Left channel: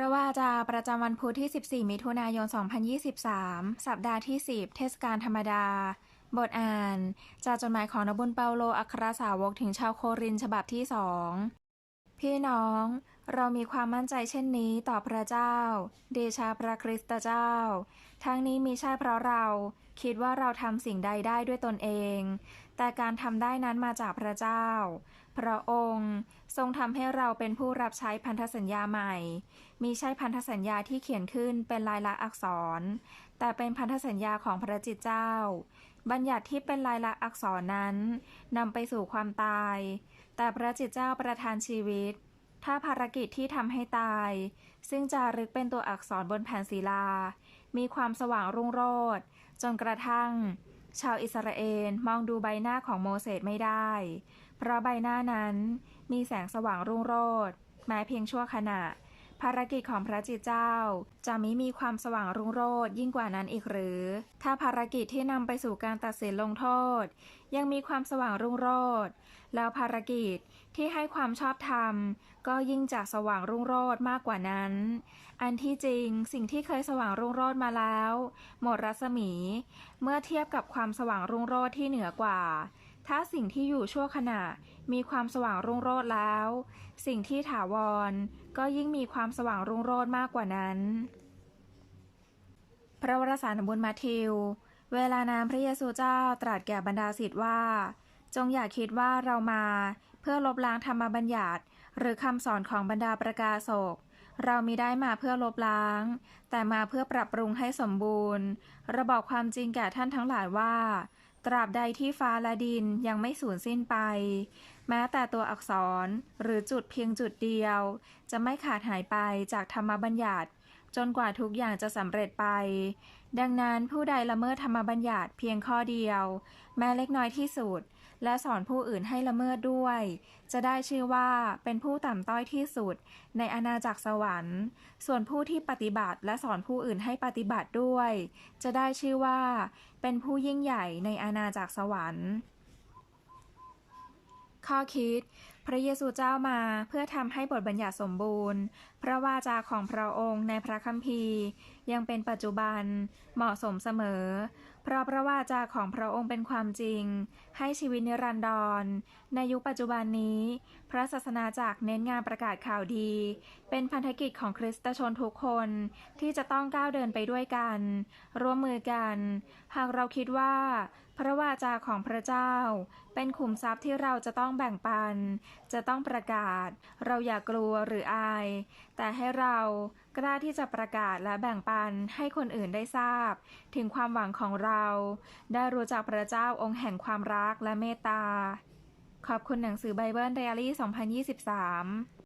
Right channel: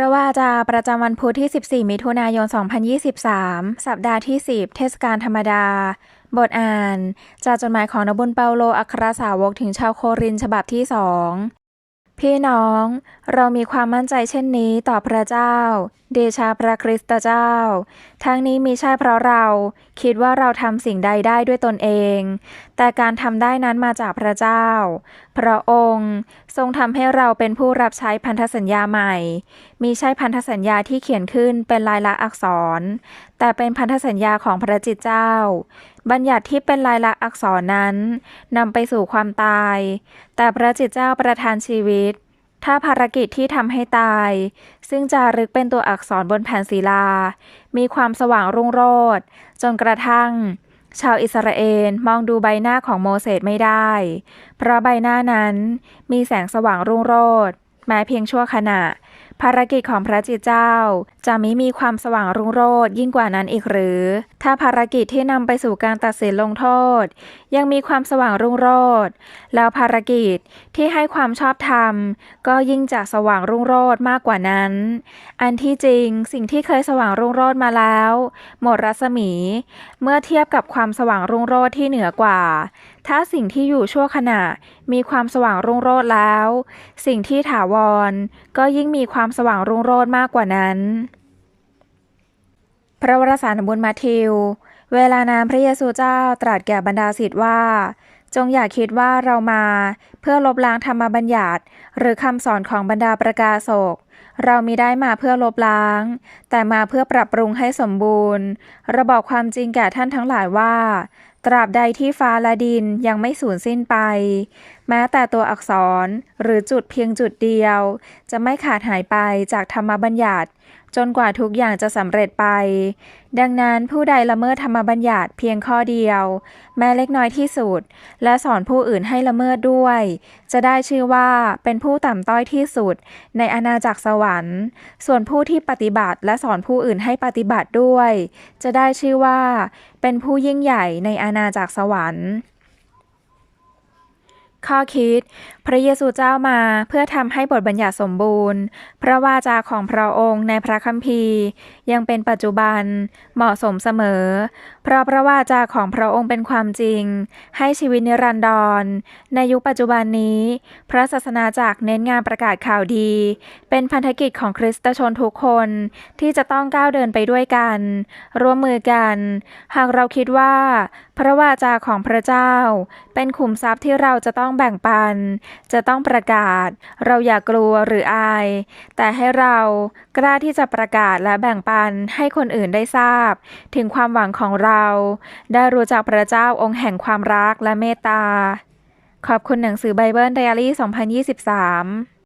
ระว่าจาประจำวันพุธที่ 14 มิถุนายน 2023 สัปดาห์ที่ 10 เทศกาลธรรมดา บทอ่าน จากจดหมายของนบุญเปาโลอัครสาวกถึงชาวโครินฉบับที่สองพี่น้อง เรามีความมั่นใจเช่นนี้ต่อพระเจ้า เดชาพระคริสตเจ้า ทั้งนี้มีใช่เพราะเรา คิดว่าเราทำสิ่งใดได้ด้วยตนเอง แต่การทำได้นั้นมาจากพระเจ้า พระองค์ทรงทำให้เราเป็นผู้รับใช้พันธสัญญาใหม่ มีใช่พันธสัญญาที่เขียนขึ้นเป็นลายลักษณ์อักษร แต่เป็นพันธสัญญาของพระจิตเจ้า บัญญัติที่เป็นลายลักษณ์อักษรนั้นนำไปสู่ความตาย แต่พระจิตเจ้าประทานชีวิต ถ้าภารกิจที่ทำให้ตาย ซึ่งจารึกเป็นตัวอักษรบนแผ่นศิลา มีความสว่างรุ่งโรจน์จนกระทั่ง ชาวอิสราเอลมองดูใบหน้าของโมเสสไม่ได้ เพราะใบหน้านั้นมีแสงสว่างรุ่งโรจน์แม้เพียงชั่วขณะ ภารกิจของพระจิตเจ้า จะไมิมีความสว่างรุ่งโรจน์ยิ่งกว่านั้นอีกหรือ ถ้าภารกิจที่นำไปสู่การตัดสินลงโทษ ยังมีความสว่างรุ่งโรจน์แล้วภารกิจที่ให้ความชอบธรรม ก็ยิ่งจะสว่างรุ่งโรจน์มากกว่านั้น อันที่จริงสิ่งที่เคยสว่างรุ่งโรจน์มาแล้ว หมดรัศมี เมื่อเทียบกับความสว่างรุ่งโรจน์ที่เหนือกว่าถ้าสิ่งที่อยู่ชั่วขณะมีความสว่างรุ่งโรจน์แล้ว สิ่งที่ถาวรก็ยิ่งมีความสว่างรุ่งโรจน์มากกว่านั้น พระวรสารบุญมาทิว เวลานานพระเยซูเจ้าตรัสแก่บรรดาศิษย์ว่า จงอย่าคิดว่าเรามา เพื่อลบล้างธรรมบัญญัติหรือคำสอนของบรรดาประกาศกเรามีได้มาเพื่อลบล้าง แต่มาเพื่อปรับปรุงให้สมบูรณ์ ระบอกความจริงแก่ท่านทั้งหลายว่า ตราบใดที่ฟ้าและดินยังไม่สูญสิ้นไป แม้แต่ตัวอักษรหรือจุดเพียงจุดเดียว จะไม่ขาดหายไปจากธรรมบัญญัติ จนกว่าทุกอย่างจะสำเร็จไป ดังนั้นผู้ใดละเมิดธรรมบัญญัติเพียงข้อเดียว แม้เล็กน้อยที่สุด และสอนผู้อื่นให้ละเมิดด้วย จะได้ชื่อว่าเป็นผู้ต่ำต้อยที่สุด ในอาณาจักรสวรรค์ ส่วนผู้ที่ปฏิบัติและสอนผู้อื่นให้ปฏิบัติด้วย จะได้ชื่อว่า เป็นผู้ยิ่งใหญ่ในอาณาจักรสวรรค์ข้อคิด ระเยซูเจ้ามาเพื่อทำให้บทบัญญัติสมบูรณ์ พระวาจาของพระองค์ในพระคัมภีร์ ยังเป็นปัจจุบันเหมาะสมเสมอ เพราะพระวาจาของพระองค์เป็นความจริง ให้ชีวิตนิรันดร ในยุคปัจจุบันนี้ พระศาสนาจักรเน้นงานประกาศข่าวดี เป็นพันธกิจของคริสตชนทุกคนที่จะต้องก้าวเดินไปด้วยกัน ร่วมมือกัน หากเราคิดว่า พระวาจาของพระเจ้า เป็นขุมทรัพย์ที่เราจะต้องแบ่งปันจะต้องประกาศ เราอย่ากลัวหรืออาย แต่ให้เรากล้าที่จะประกาศและแบ่งปันให้คนอื่นได้ทราบ ถึงความหวังของเรา ได้รู้จักพระเจ้าองค์แห่งความรักและเมตตา ขอบคุณหนังสือไบเบิลไดอารี่ 2023